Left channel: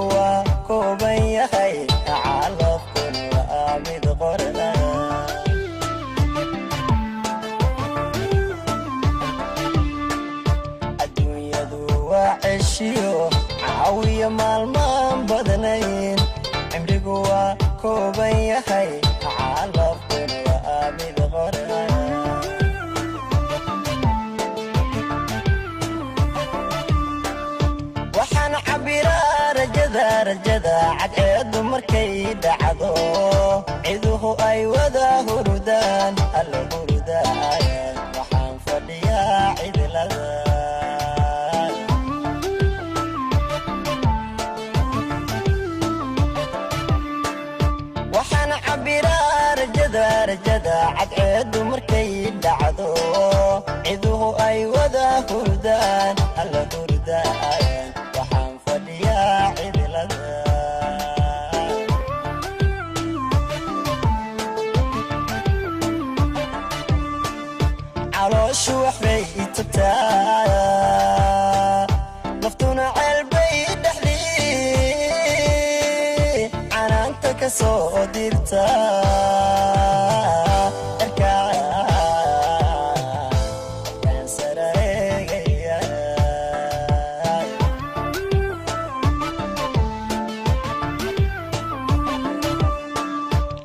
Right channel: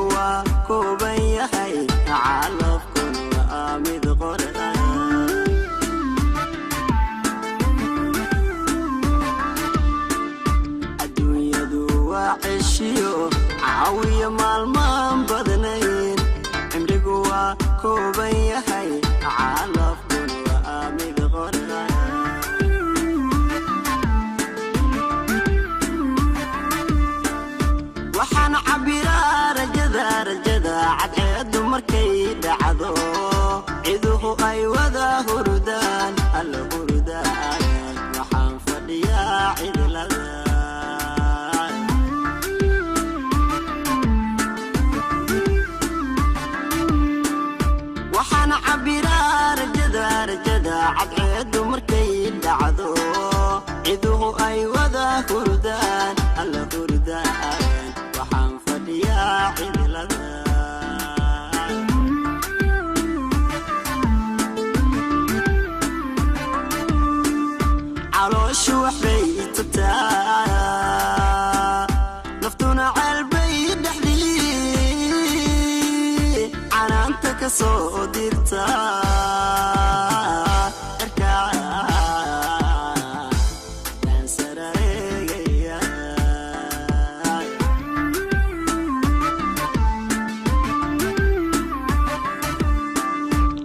cimrigu waa kooban yahay calafkun waa mid qorda adduunyadu waa ceshiyo caawiya maalmaan badnayn cimrigu waa kooban yahay calafkun waa mid qorda waxaan cabiraa rajada cadceedu markay dhacdo ciduhu ay wada hurdaan alla hurdaan waxaan fadhiyaa cidlada waxaan cabiraa rajada cadceedu markay dhacdo ciduhu ay wada hurdaan alla hurdaan calooshu waxbay itubtaa naftuna ceelbay dhexdii canaanta ka soo dirta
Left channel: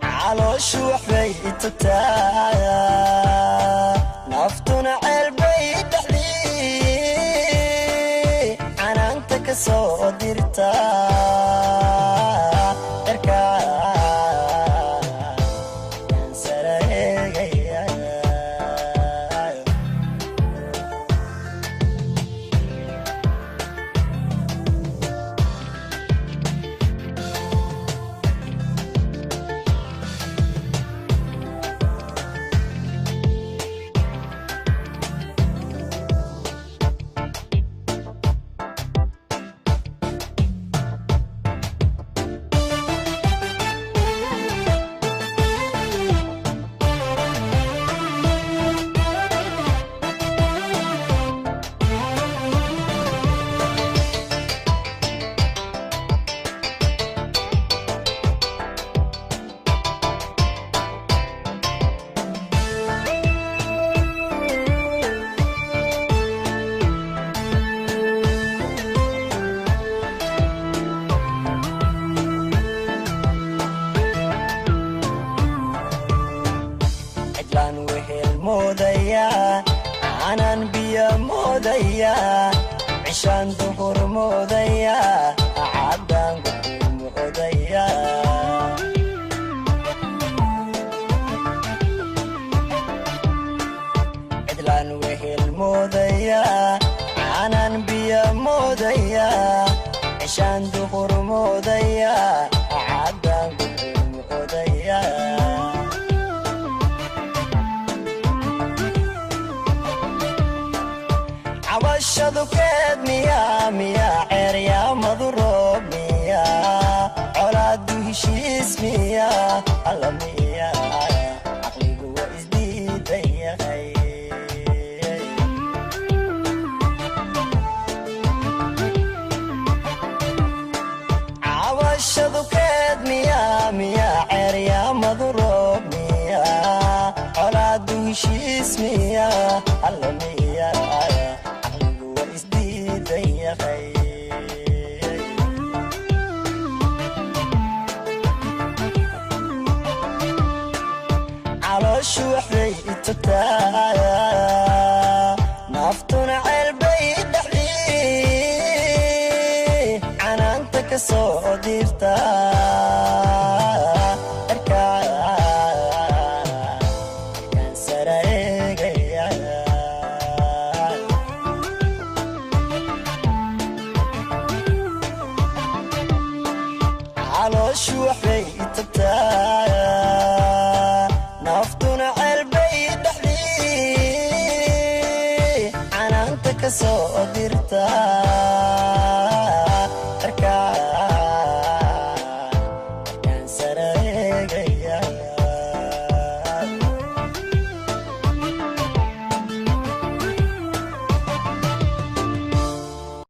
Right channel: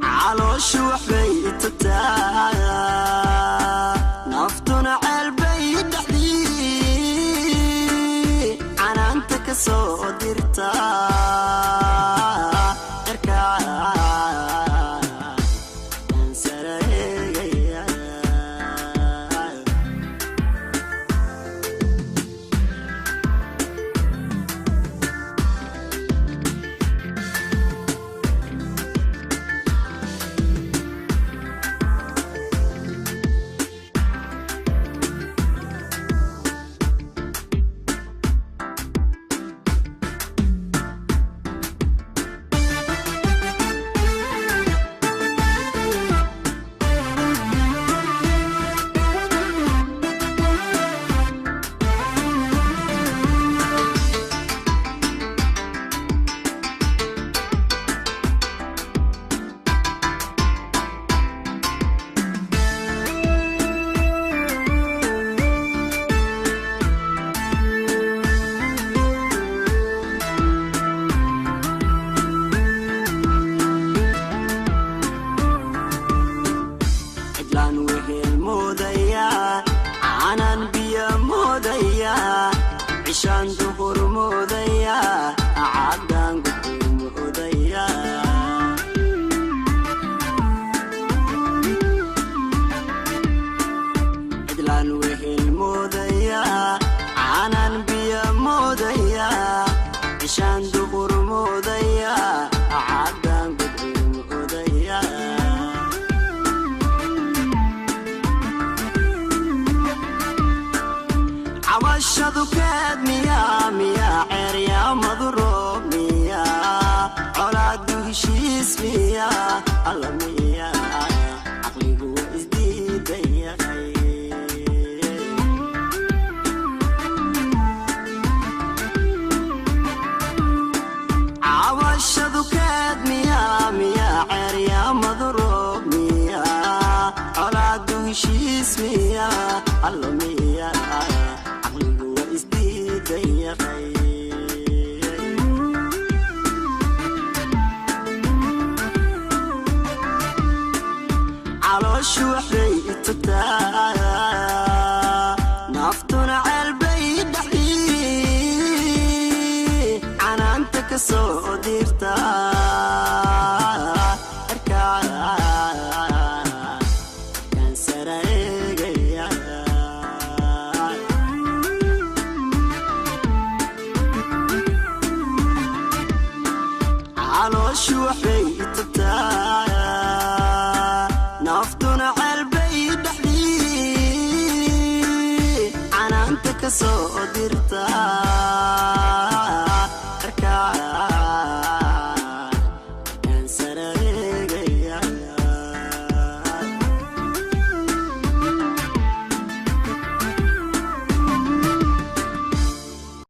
calooshu waxbay itubtaa naftuna ceelbay dhexdii canaanta ka soo dirta aanan biyo moodaya cishaan duhur moodaya caddaan guxuu moodaya cidlaan wehel moodaya aanan biyo moodaya cishaan duhur moodaya caddaan guxuu moodaya cabashadu keed miyaa ceeryaamadu roob miyaa colaadu heshiis miyaa alla miyaa caqligu waa isdiidan yahay cabashadu keed miyaa ceeryaamadu roob miyaa colaadu heshiis miyaa alla miyaa isdiidan yahay calooshu waxbay itubtaa naftuna ceelbay dhexdii canaanta ka soo dirta calooshu waxbay itubtaa naftuna ceelbay dhexdii canaanta ka soo dirta